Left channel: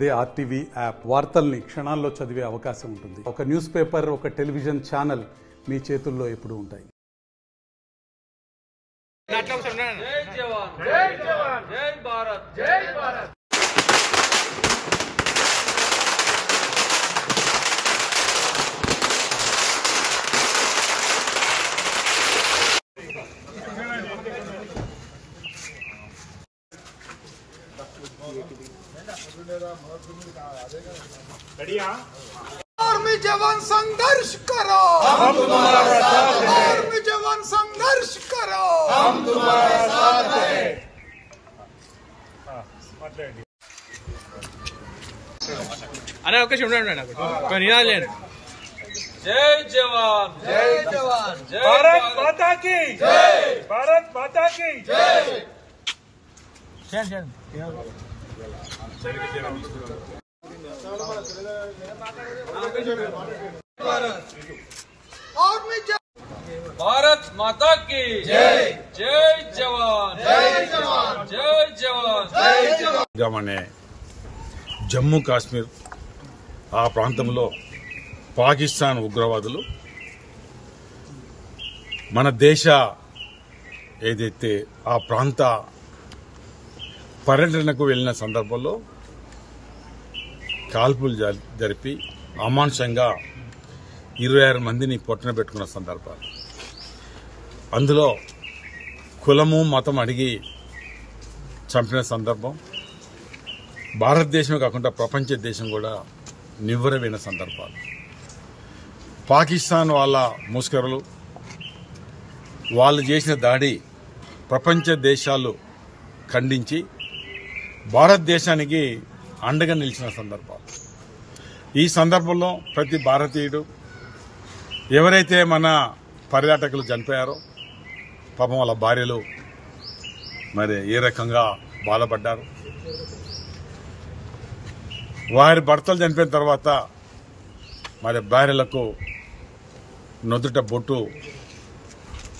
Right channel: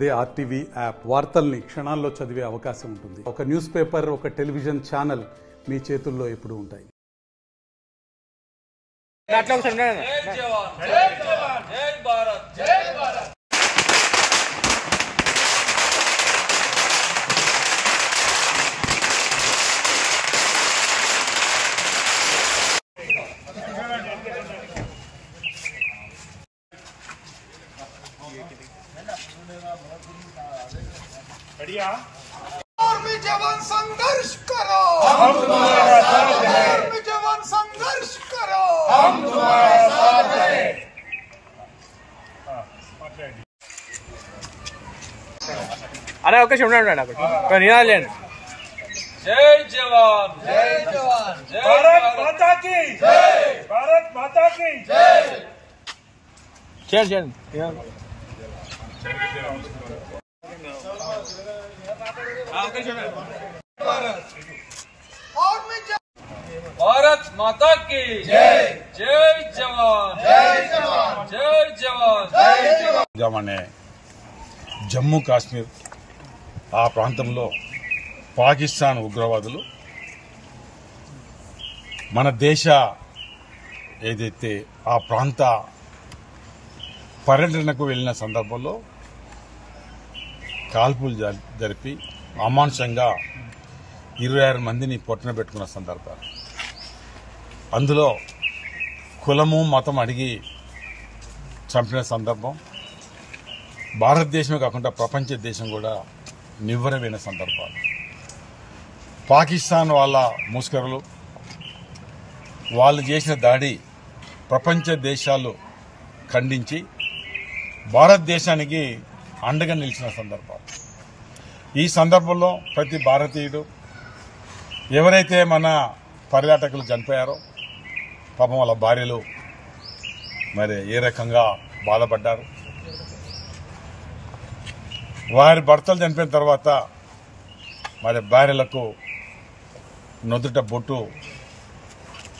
అదే RTV app వార్తల్ని క్షణాల్లో చదివే అవకాశం ఉంటుంది. ఒక న్యూస్ పేపర్, ఒక టెలివిజన్ ఛానల్ మీ చేతుల్లో ఎప్పుడూ ఉంటాయి. జై జవాన్ జై జవాన్ జై భారత్ జై భారత్. आर्मी जवान संघर्ष करो, हम तुम्हारा साथ हैं। आर्मी जवान संघर्ष करो, हम तुम्हारा साथ हैं। अरे ओके जय जवान जय जवान जय भारत माता की जय, भारत माता की जय। भारत माता की जय, जय जवान जय जवान जय जवान जय जवान. అనే జమ్మూ కాశ్మీర్ ఆ ప్రాంతంలో పాకిస్తాన్ ఉగ్రవాదులు మన దేశ ఏదైతే ఆ ప్రాంత పర్యటనకు వెళ్లిన సందర్భంలో కాల్పులు జరిపి అమానుషంగా 26 మందిని పొట్టన పెట్టుకున్న సందర్భాలు. అందులో కులము మతం అడిగి చంపిన సందర్భం భారతదేశమే కాకుండా ప్రపంచ దేశం కూడా నివ్వెరపోయిన సందర్భాలు. పాకిస్తాన్ వాళ్ళ ముస్కరులు వాళ్ళు చేసిన దాడి ప్రపంచ దేశాలు ఖండించి భారతదేశానికి అండగా నిలిచిన సందర్భాలు. ఈ సందర్భంలో ప్రతి భారతీయుడు ఎవరైతే మన పర్యాటకులు చనిపోయారో పాపం వాళ్ళ భార్యలు మరి ఏ రకంగా బాధపడ్డారు, వారి భర్తలు చనిపోయిన తర్వాత మరి భార్యలకు నుదుట బొట్టు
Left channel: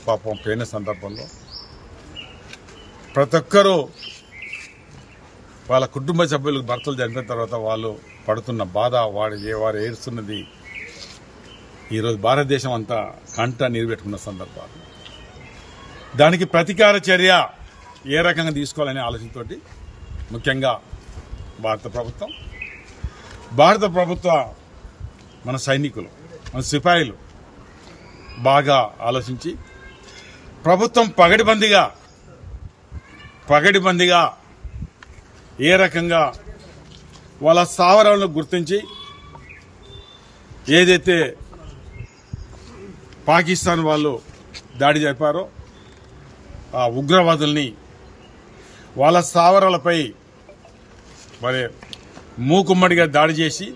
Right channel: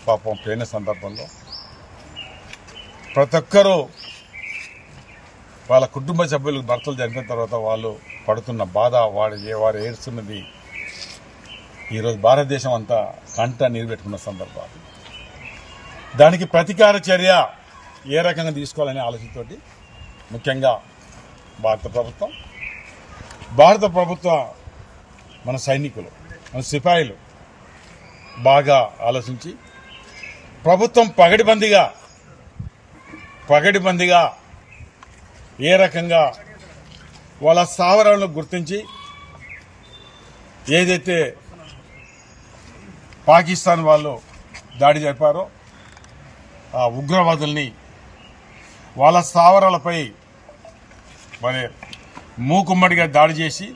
పాపం పోయిన సందర్భంలో ప్రతి ఒక్కరూ వాళ్ళ కుటుంబ సభ్యులు భర్తలు చనిపోయిన తర్వాత వాళ్ళు పడుతున్న బాధ, వారు ఏడుస్తున్నది ఈరోజు భారతదేశం అంతా కంట నీరు పెట్టుకున్న సందర్భాలు. దానికి ప్రతీకార చర్య ఏ రకంగా తీసుకోవాలనే ఆలోచనతోటి ముఖ్యంగా భారత ప్రభుత్వం మన సైనికులు, మన సిపాయిలు బాగా ఆలోచించి ప్రభుత్వం పగడిబందిగా ఏ రకంగా వాళ్ళ స్థావరాలను గుర్తించి ఏదైతే పాకిస్తాన్ వాళ్ళు దాడి జరిపారో ఆ ఉగ్రవాదుల్ని వాళ్ళ స్థావరాలపై మరి మూకుమ్మడిగా దాడి చేసి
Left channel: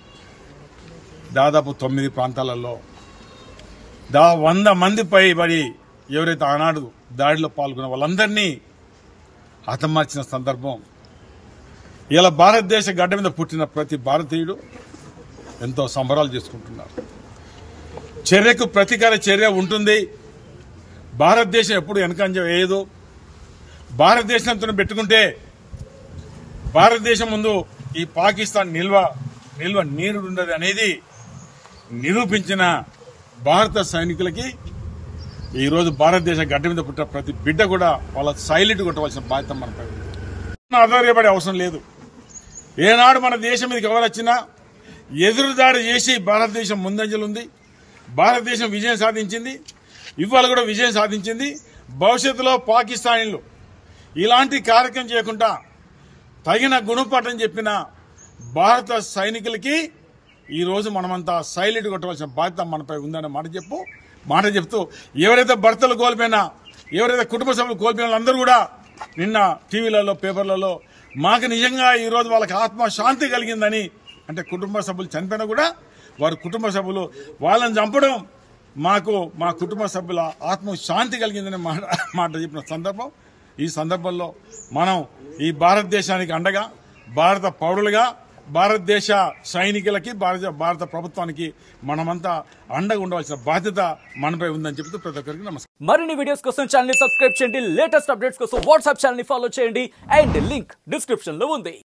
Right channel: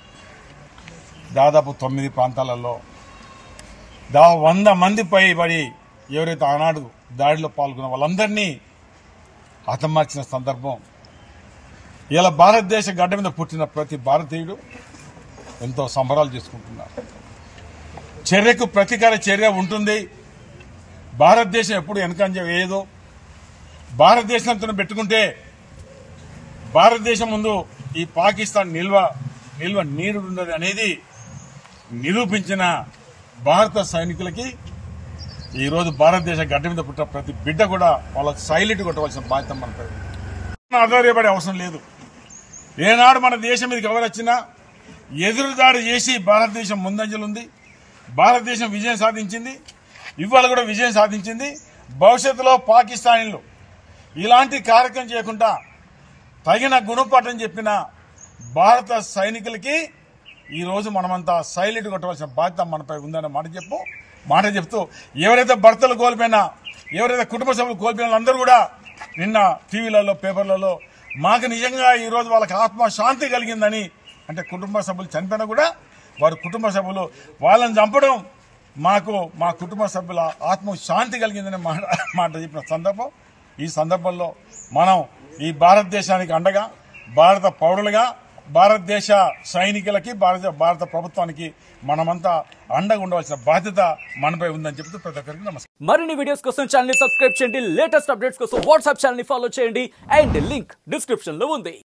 దాదాపు 9 ప్రాంతాలలో 100 మందిపై మరి ఎవరైతే ఆనాడు దాడిలో పాల్గొన్న వాళ్ళందరినీ హతమార్చిన సందర్భం. ఇలా భారతదేశ గడ్డ మీద పుట్టిన ప్రతి భారతీయుడు ఎంతో సంబరాలు చేసుకుంటున్నారు. చర్యకు ప్రతీకార చర్య ఉంటుంది. భారతదేశం ఎప్పుడు వెనకంజ వేయదు. భారతదేశంతో పెట్టుకుంటే భారతదేశం ముందు ఈ పాకిస్తాన్ నిల్వ నీరుండదు అనేది నిరూపించిన భారత సైనికులకి ఈరోజు భారతదేశ గడ్డ మీద పుట్టిన ప్రతి బిడ్డ కూడా వాళ్ళ సైలెంట్ కొట్టవలసిన బాధ్యత మనపై ఆధారపడే అవసరం లేదు. ఏనాడు మన దేశం మీదకి ఎవరొచ్చినా ఎదురుదాడి చేసి భారతదేశం ముందంజలుంది. భారతదేశం విజయం సాధించింది. ఇవాళ కూడా విజయం సాధించింది. భవిష్యత్తులో పాకిస్తానీలు ఇలాంటి కార్యక్రమం చేయకుండా తగిన గుణపాఠం చెప్పిన భారత సైనికులకి ఈ రోజు మనమంతా సైలెంట్ కొట్టవలసిన బాధ్యత మనపై ఉందన్న మాట చెప్తూ ఎవరైతే భర్తలు కోల్పోయినా, ఎవరైతే కుటుంబ సభ్యులు కోల్పోయిన అందరూ కూడా నిన్న టీవీలలో, పేపర్లలో మాకు నిజంగా ఈ రోజు వాళ్ళకి ఆత్మశాంతి కలిగిందని, అంటే కుటుంబ సభ్యులు చనిపోయినా కూడా వారి కుటుంబ సభ్యులు వాళ్ళని చంపడం మాకు మా కుటుంబ సభ్యుల ఆత్మశాంతి కలిగిందని మాట చెప్పిన సందర్భం. ఈ సందర్భంలో మనం ఈ భారతదేశానికి అండగా, భారత పౌరులుగా, భారతదేశ సైనికులకి, భారత ప్రభుత్వానికి మనమంతా అండగా ఉండవలసిన బాధ్యత మనపై ఉందని చెప్తూ ప్రతి ఒక్కరికి నమస్కారం. మరిన్ని వీడియోస్ కోసం ఛానల్ ని సబ్స్క్రైబ్ చేయండి. లేటెస్ట్ అప్డేట్స్ కోసం వాట్సాప్ ఛానల్ ని ఫాలో చేయండి. అండ్ లింక్ డిస్క్రిప్షన్ లో ఉంది.